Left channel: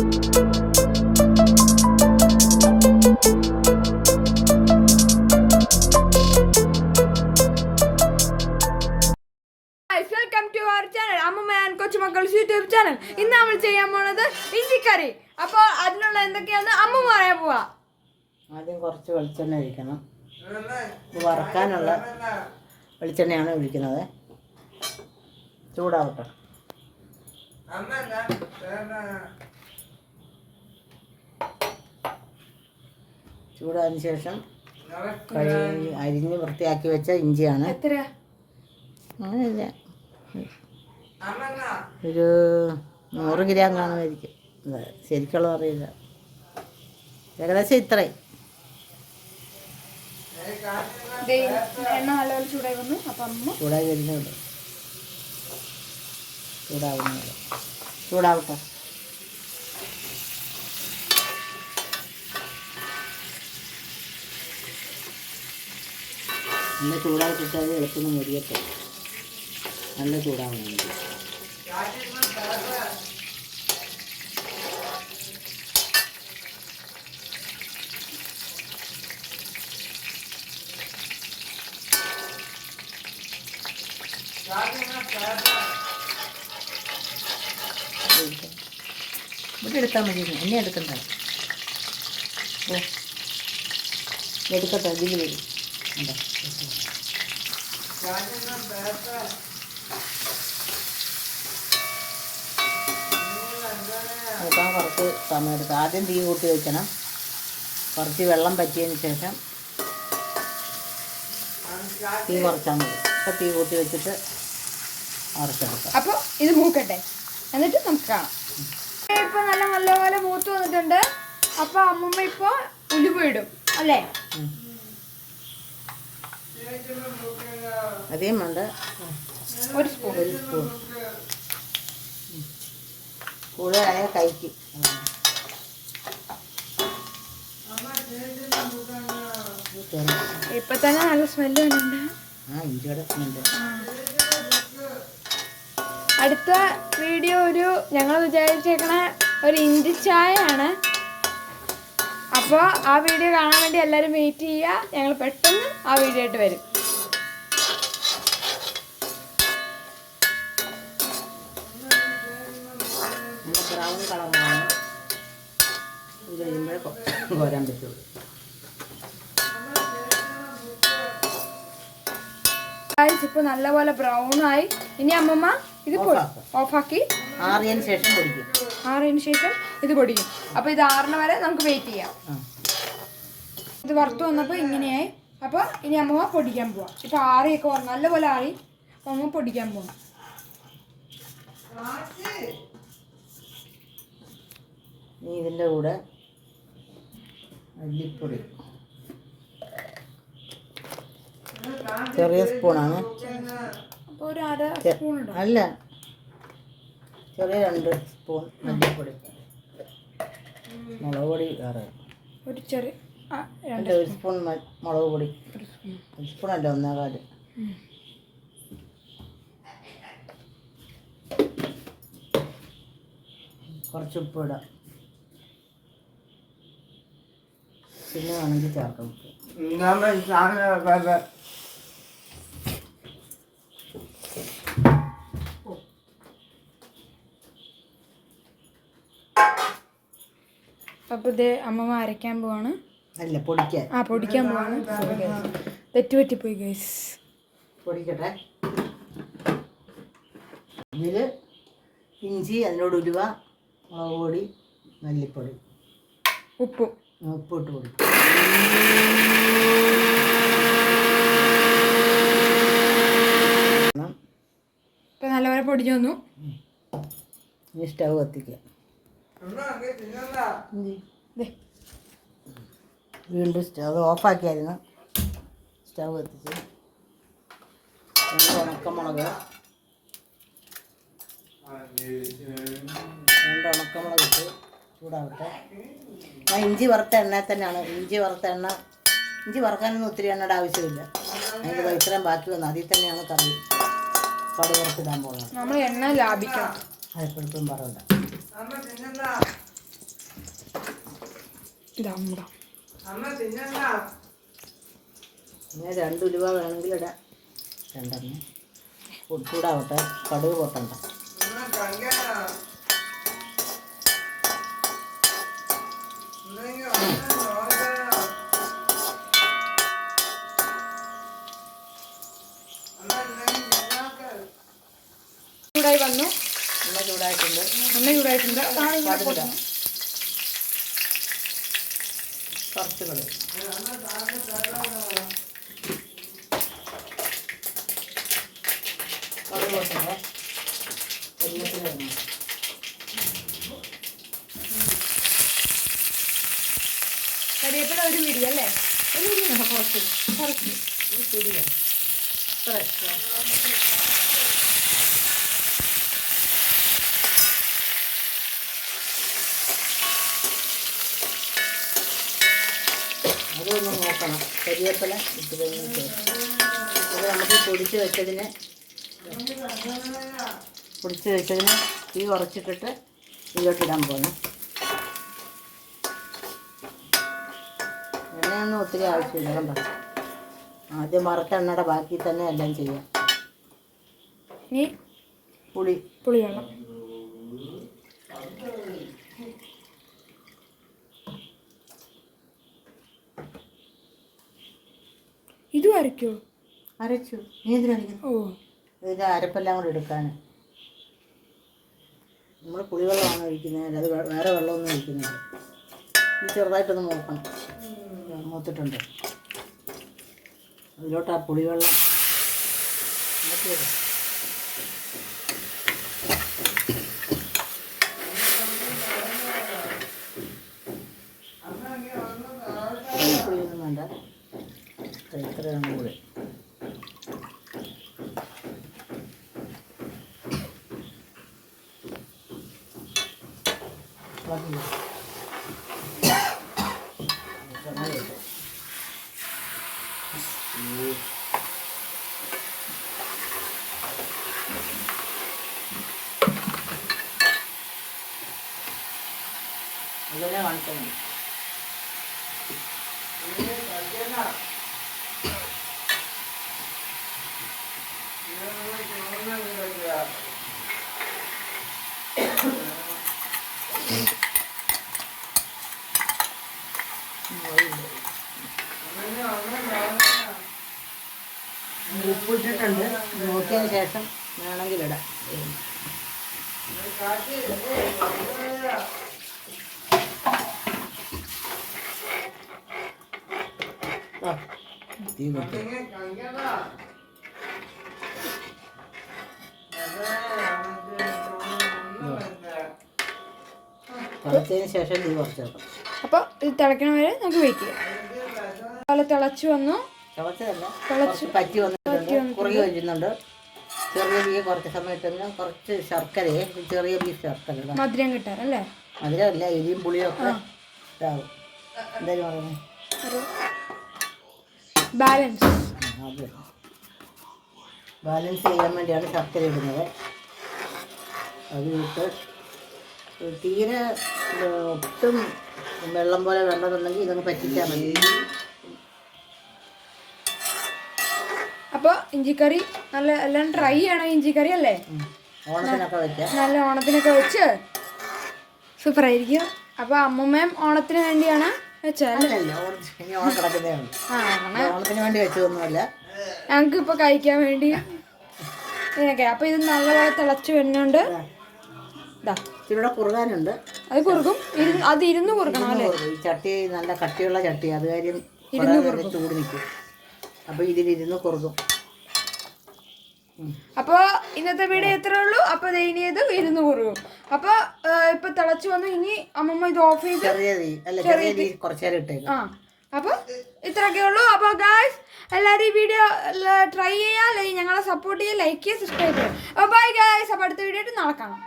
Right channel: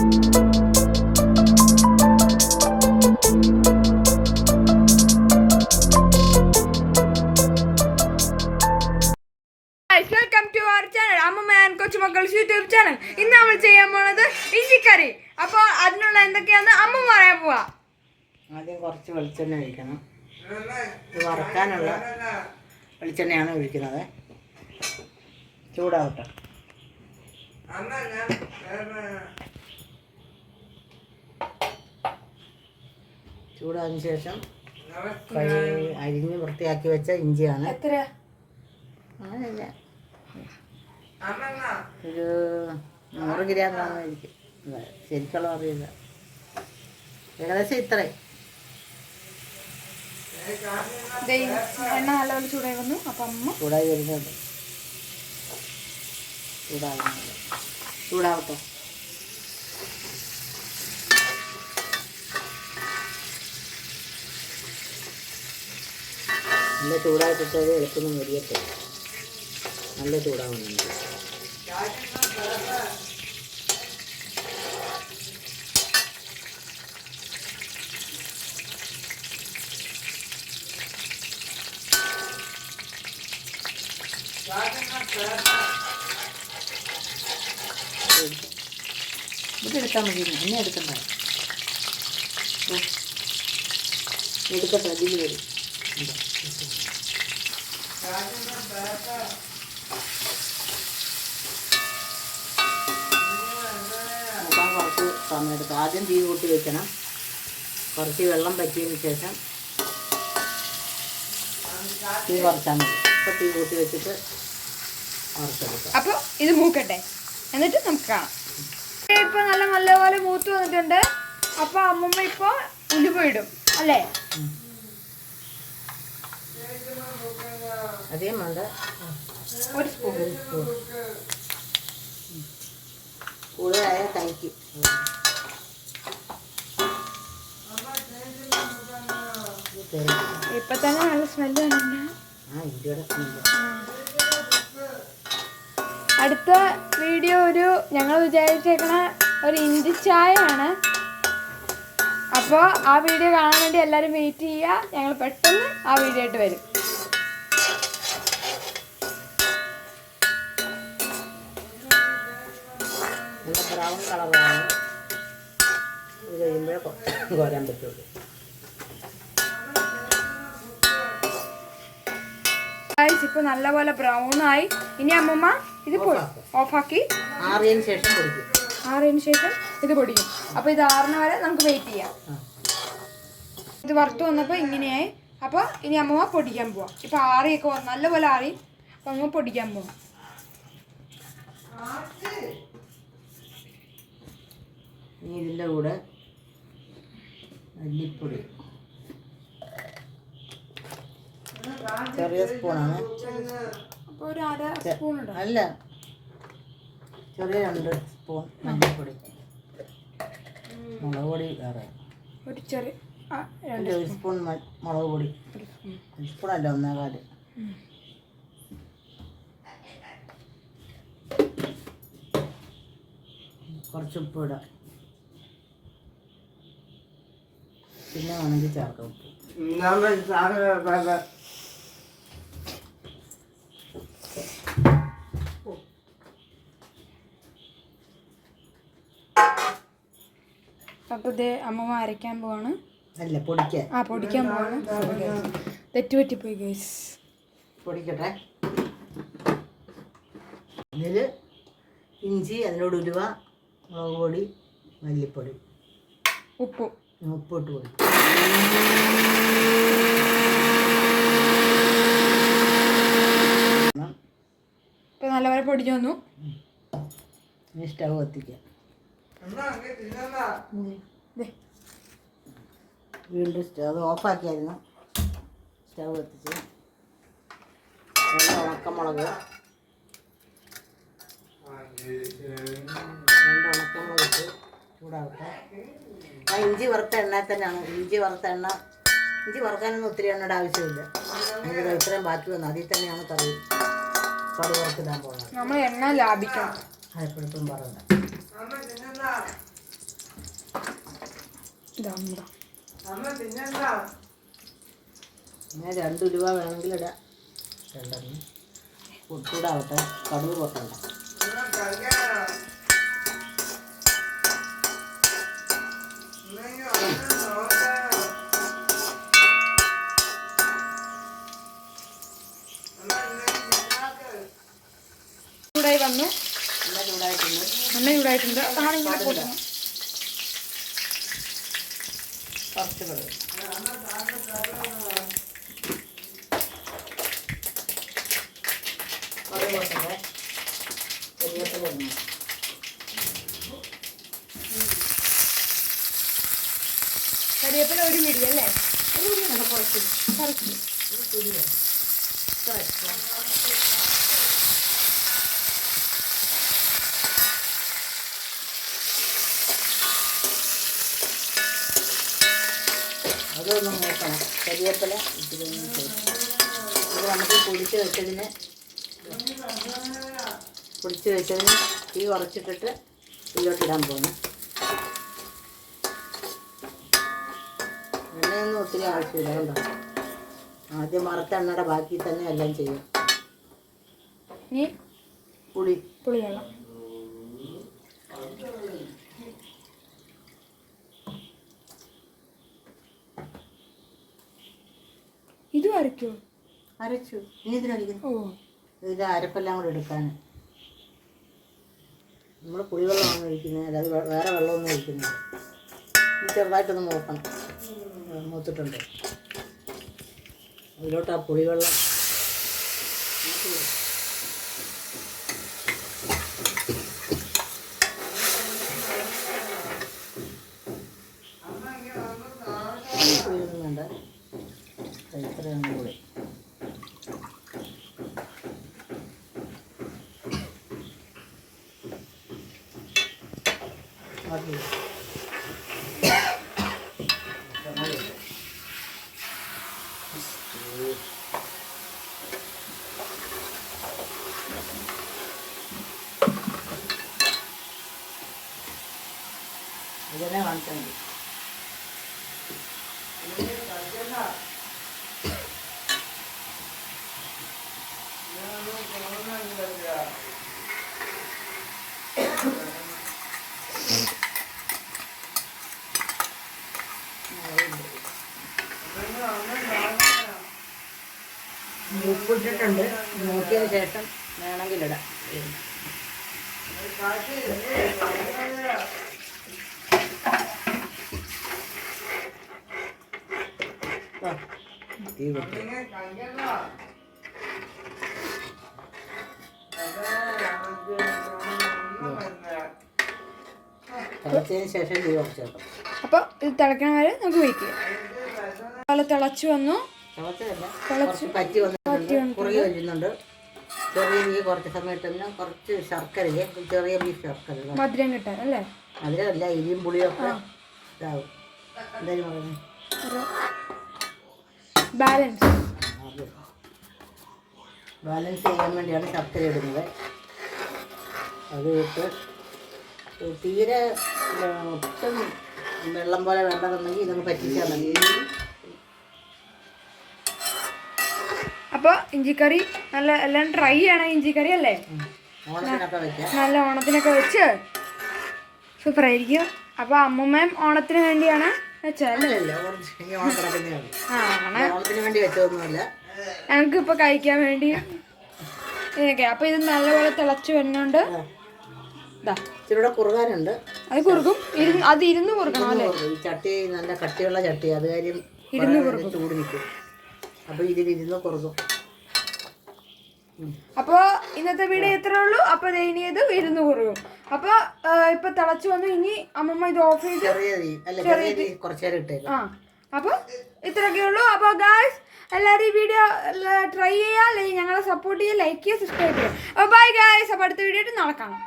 Welcome to our channel അമ്മമ്മ and കൊച്ചുമക്കൾസ് YouTube channel. ഇന്ന് നമ്മൾ ചെയ്യാൻ പോണത് ഇഞ്ചിക്കറി. അപ്പോൾ അതിനുള്ള എന്തൊക്കെയാന്ന് അമ്മ പറയാൻ പോവാ. ആദ്യം കുറച്ച് വെളിച്ചെണ്ണ ഒഴിക്കണം. ഇത് വറക്കാനുള്ള വെളിച്ചെണ്ണയാണ് ഒഴിക്കുന്നത്. ചൂടാവട്ടെ. ചൂടായതിനു ശേഷം അരിഞ്ഞ് വൃത്തിയാക്കി വെച്ച ഇഞ്ചിയാണ്. അങ്ങനെയില്ല, ഒരു 100 ഗ്രാം കാണുമായിരിക്കും. ശരിക്കുള്ള അറിയില്ല, ഏകദേശം ഇത്രയും. എണ്ണ നല്ലപോലെ ചൂടായി വന്നു. അപ്പം അമ്മ ചൂടായി വരുന്നുണ്ട്. ചൂടാവട്ടെ. നല്ല ചൂടാക്കിട്ട് അത് വെളിച്ചൊന്നും മുരിയത്തില്ല. നല്ല ചൂടാവുന്നുണ്ട്. ഇവിടെ എടുത്താൽ മതി, എന്നെ എടുക്കണ്ട. എടുക്കട്ടെ, ഇതിൽ വരും. നോക്കാൻ കുറച്ച് സമയം എടുക്കും. ആദ്യം തീ കൂട്ടി വെക്കണം. കുറച്ച് വെള്ളം പറ്റിയതിന് ശേഷം തീ കുറച്ചാൽ മതി. അപ്പോൾ തീ കൂട്ടി വെച്ചിട്ട് വറുത്തെടുക്കാം. അപ്പോൾ ഇത് മൂക്കട്ടെ, എന്നിട്ട് നമുക്ക് കാണാം. ഇപ്പോൾ നല്ലപോലെ മൂത്ത് വന്നിട്ടുണ്ട്. അപ്പോൾ അമ്മമ്മ ഇപ്പോൾ ഉലുവ ഇടും അല്ലേ? അധികം വേണ്ട, ഒരു സ്പൂൺ. കൂടുതലായ കൈക്ക്. ഇപ്പൊ തന്നെ നല്ല സ്മെല്ല് വരുന്നുണ്ട്. അടുത്ത വീഡിയോ ഞങ്ങൾ വിചാരിച്ചേക്കണ ഒരു ഇഞ്ചി ചായയാണ്. അപ്പോൾ ആ വീഡിയോ കാണാൻ വേണ്ടി എല്ലാവരും വെയിറ്റ് ചെയ്യുക. ഞങ്ങൾ പെട്ടെന്ന് ആ വീഡിയോ ആയിട്ട് വരും. കോരാൻ പറ്റുള്ളൂ. ഇപ്പോൾ നല്ലപോലെ ബ്രൗൺ ആയി. ഇനി അമ്മമ്മ ഇത് ഓഫാക്കി ആറിയതിന് ശേഷം പൊടിക്കും. ഇത് പൊടിക്കും. അപ്പോൾ ഇത് ആറണ വരെ നമുക്ക് വെയിറ്റ് ചെയ്യാം. ഇത് വറുത്ത് വന്നപ്പോൾ ഇങ്ങനെയായി. അപ്പോൾ ഇനി അമ്മമ്മ പൊടിക്കാൻ പോവാം. ഇപ്പോൾ ആറിയൊക്കെ നല്ലപോലെ ആറി. അപ്പോൾ അമ്മ പൊടിക്കാൻ പോവാം. ഇനി ഇതിൻ്റെ കൂടെ മല്ലിപ്പൊടി ചെറിയ സ്പൂണാണ്. അപ്പോൾ ഒരു അര സ്പൂൺ ഇടാം. അല്ല, ചെറിയ 2 സ്പൂൺ മല്ലിപ്പൊടി. മുളക് പൊടി വേറെ ഒരു ചെറിയ 1 സ്പൂൺ മുളക് പൊടി. 1 സ്പൂണല്ല, 1.25. കുറച്ച് ഉപ്പ് ഇടാം. പിന്നെ വേണമെങ്കിൽ ചേർക്കണം. അപ്പോൾ ഇത് അമ്മമ്മ അരയ്ക്കാൻ പോവാണ്. അല്ല, പൊടിക്കാൻ. പൊടിക്കാൻ പോവാണ്. തെറ്റുപറ്റിപ്പോയി ഗൈസ്. പൊടിക്കട്ടെ. ഇതിൽ ഇഞ്ചി, അതിനോട് ഉലുവ, മുളക് പൊടി, മല്ലിപ്പൊടി, ഉപ്പിട്ട് കൊടുക്കും. ഇപ്പം നല്ലപോലെ പൊടിച്ചു വന്നു. ഇനി സ്റ്റവ് കത്തിക്കാം. വീണ്ടും സ്റ്റവ് ഓഫാക്കിയായിരുന്നു. സ്റ്റവ് കത്തിച്ച് ഉണക്കമുളക് ഇട്ട് ചൂടാവട്ടെ. ഇഞ്ചി വറുത്ത എണ്ണ തന്നെയാണ്. ഇഞ്ചി വറുക്കാനൊന്നും ഒത്തിരി എണ്ണയുടെ ആവശ്യമില്ല. അതിൻ്റെ വെളിച്ചെണ്ണ ബാക്കി വന്നു. അതിൽ തന്നെയാണ് കറി വറുത്തിടാൻ പോകുന്നത്. നമ്മൾ എണ്ണ ലാഭിക്കണം. അതെപ്പോഴത്തും പറയണ്ട. ഇതാ അമ്മ. പിന്നെ 2 ഉലുവ വേണമെങ്കിൽ ഇടാം. 2 ചൂടാവട്ടെ. കടുക് പൊട്ടണ്ട. ചൂടായി വന്നു. എണ്ണ ചൂടായിട്ടുണ്ട്. അതാണ് ഇങ്ങനെ പൊട്ടുന്നത്. കുറച്ച് കടുക്. കടുക് പൊട്ടണ്ടേ. കരിവേപ്പില ഇടണം. കരിവേപ്പില 1 പിടി അല്ലേ? കുറച്ച് അതൊന്ന് നോക്കണം. കരിവേപ്പില ഇട്ടിട്ടൊന്ന് ചേർത്ത് അത് നമുക്ക് പൊടിച്ച് വെച്ചതിന് തീ കുറച്ചിട്ടിട്ട് ഇതിലോട്ടിടാൻ പോകണം. എണ്ണയൊന്നും ഒത്തിരി ആവശ്യമില്ല. കണ്ടോ, ആദ്യം വറുത്ത എണ്ണയുടെ ബാക്കി തന്നെ എല്ലാം ചെയ്യാം. ഇനി പുളിവെള്ളം. ഇതും അരയ്ക്കോ? അരച്ചു. നീ എന്തിനടിക്കുന്നു? ഓ, ഇതിൻ്റെ അരപ്പെല്ലാം കൂടെ എടുക്കാൻ. നമ്മൾ പുളിവെള്ളമാണ് ഒഴിക്കുന്നത്, അത് വേറെ വെള്ളമൊന്നും ഒഴിക്കുന്നില്ല. ഇത് ചെറുതായിട്ടൊന്ന് നോക്കണം, മൂത്തിട്ടുണ്ട്. അതിലോട്ട് ആ പുളിവെള്ളം പുളിയൊന്നും വേണ്ട. എത്രയാണ് കൂടെ അതിനെ കാണിച്ചാൽ മതി. ഉപ്പിട്ടിട്ടുണ്ട്. നോക്കിയതിന് ശേഷം വേണമെങ്കിൽ ഇടാം. തീ തിളച്ചതിന് ശേഷം തീ കുറച്ചേക്കാം. അപ്പോൾ ഇത് തിളയ്ക്കണ വരെ നമുക്ക് വെയിറ്റ് ചെയ്യാം. അതുപോലെ തിളച്ചു വന്നു. പറ്റി വന്നിട്ടുണ്ട്. കുറേ വരുന്നുണ്ട്. ചെറിയ തീ കുറച്ച് സമയത്ത് കുറച്ച് ശർക്കരയെ, ചെറിയ പീസ് ശർക്കര, മധുരം കിട്ടാൻ അല്ലേ? മധുരമല്ല, എരിയും പുളിയൊക്കെ ഇതാവും. എന്തായാലും പറയുന്നത് ബാലൻസ് ചെയ്യാൻ വേണ്ടിയാണ് ശർക്കര ഇടുന്നത്. അത് ഇട്ട് തീരെ ഒട്ടും വെള്ളം പോലെ വേണ്ടതെന്നുണ്ടെങ്കിൽ ഇതൊന്ന് പറ്റിച്ചാൽ മതി. അപ്പോൾ ഇഞ്ചിക്കറി നല്ല എല്ലാം ട്രൈ ചെയ്യണം. ഇഞ്ചിക്കറി അല്ലേ? ഓണത്തിനൊക്കെ വെക്കാം. നല്ല ഓണത്തിനൊക്കെ വെച്ച് സൂപ്പറായിരിക്കും. അപ്പോൾ അമ്മൂമ്മയും ഓണത്തിന് വേണ്ടിയാണ് വെച്ചാൽ ഓണത്തിന് വേണ്ടി വെച്ചതൊന്നുമല്ല, ഞങ്ങൾക്ക് ഇപ്പോൾ കഴിക്കാൻ വേണ്ടി ഇതിനൊക്കെ. അപ്പോൾ ഇത് നല്ലപോലെ തിളച്ച് വരുന്നുണ്ട്. ഇച്ചിരൂടെ കുറുകാനുണ്ട്. അത് കുറുക്കും. അത് ഇരുന്ന് കുറുക്കണം അല്ലേ? ചട്ടി നല്ല കട്ടിയുള്ള ചട്ടി, അത് കാര്യം ചൂട് നിൽക്കും. അപ്പോൾ ഇതിലിരുന്ന് കുറുകും. അപ്പോൾ ഇന്നത്തെ വീഡിയോ ഇത്രേ ഉള്ളൂ. അപ്പോൾ ഇനി ഇത് ഇരുന്ന് കുറുകും. അപ്പോൾ ഇപ്പൊ തിളച്ചു വന്നു. ഇനി അമ്മമ്മ ഇത് ഓഫ് ചെയ്ത് കുറച്ചു നേരം ഇട്ടേക്കും. അപ്പോൾ ഇത്രയൊക്കെ ഉള്ളൂ. അപ്പോൾ ഗായ്സ് എല്ലാവരും ഈ വീഡിയോ ട്രൈ ചെയ്യുക, ഞങ്ങളെ സപ്പോർട്ട് ചെയ്യുക, ലൈക്ക് ചെയ്യുക, സബ്സ്ക്രൈബ് ചെയ്യുക. അപ്പോൾ ബൈ ഗായ്സ്. അപ്പോൾ അടുത്ത വീഡിയോ ആയിട്ട് നാളെ കാണാം.